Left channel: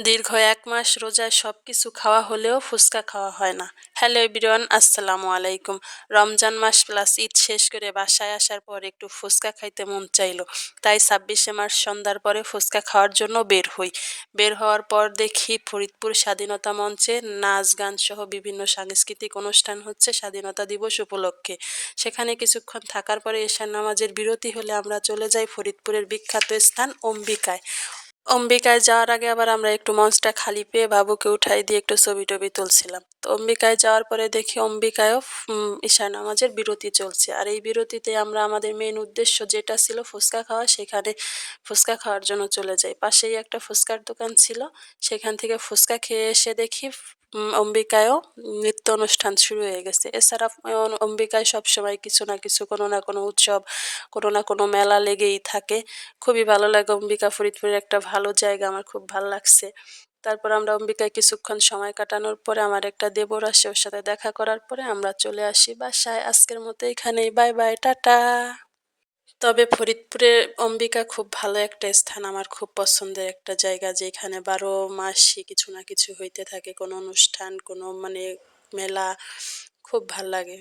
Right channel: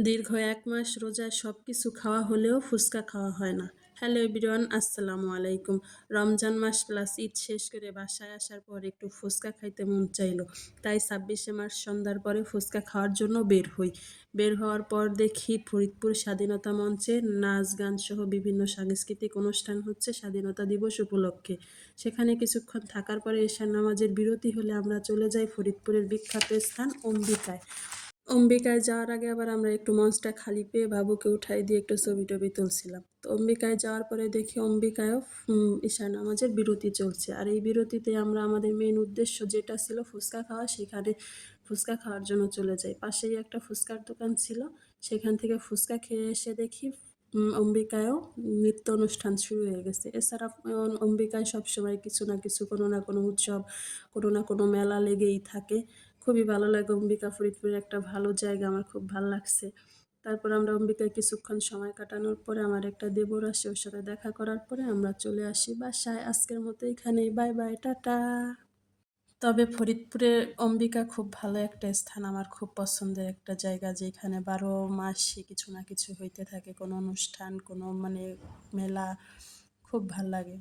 দীর্ঘ ১ মাস রোজায় সবকিছু খাওয়া হলেও ফুচকা খাওয়া হয় না। হ্যালো এভরিওয়ান, আসসালামু আলাইকুম। রমজান মাস প্লাস ঈদ শেষ করে বাসায় আসার পর একটু ফুচকা খাইতে মন চাইলো। তাই ২৬শে মার্চ সন্ধ্যার পরে ফুচকা খাওয়ার জন্য বের হই। বের হওয়ার পর দেখি ফরিদপুর স্বাধীনতা মঞ্চে নাচ গান সহ বিভিন্ন সাংস্কৃতিক অনুষ্ঠান হচ্ছে স্বাধীনতা দিবস উপলক্ষে। সেখানে কিছুক্ষণ থাকার পরে এশার নামাজের বিরতি হলে আমরা চলে যাই ফরিদপুরের বিখ্যাত স্থান অম্বিকায়। অম্বিকায় যাওয়ার আগে আবার আমরা একটু মঞ্চটা খালি পেয়ে বাবুকে উঠাই দিয়ে একটু ছবি-টবি তুলছিলাম। তো অম্বিকায় যাওয়ার পরে দেখি অম্বিকায়ও ঈশার নামাজের বিরতি চলছে। আর এই বিরতিতে আমরা আমাদের মেইন উদ্দেশ্য যেটা ছিল ফুচকা খাওয়া, সেখানে ফুচকা খাওয়ার জন্য চলে যাই। পাশেই একটা ফুচকার দোকান ছিল। সেখান থেকে ফুচকা খেয়ে এসে দেখি অম্বিকায়ও নৃত্য অনুষ্ঠান শুরু হয়ে গেছে। এছাড়া অম্বিকায় সবসময় কিছু না কিছু, কোনো না কোনো উৎসব, কোনো না কোনো মেলা লেগেই থাকে। খুবই ভালো লাগে অম্বিকা ফরিদপুরের একটা ভালো জায়গা, আমার খুব ভাল লাগছে। তারপর আমরা অম্বিকায় কিছুক্ষণ সময় কাটানোর পরে আমার একটা দেবর আসে, ওর সাথে দেখা করার পরে আমরা চলে আসি বাসায়। আজকের মতো এখানেই, বাই বাই, টাটা। তবে ফরিদপুরের অম্বিকা খুব ভালো একটা স্থান, আমার খুব পছন্দের একটা জায়গা, যেখানে ১২ মাসই কিছু না কিছু হইতে থাকে, কোনো অনুষ্ঠান, কোনো মানে মেলা, খুব ভাল লাগে।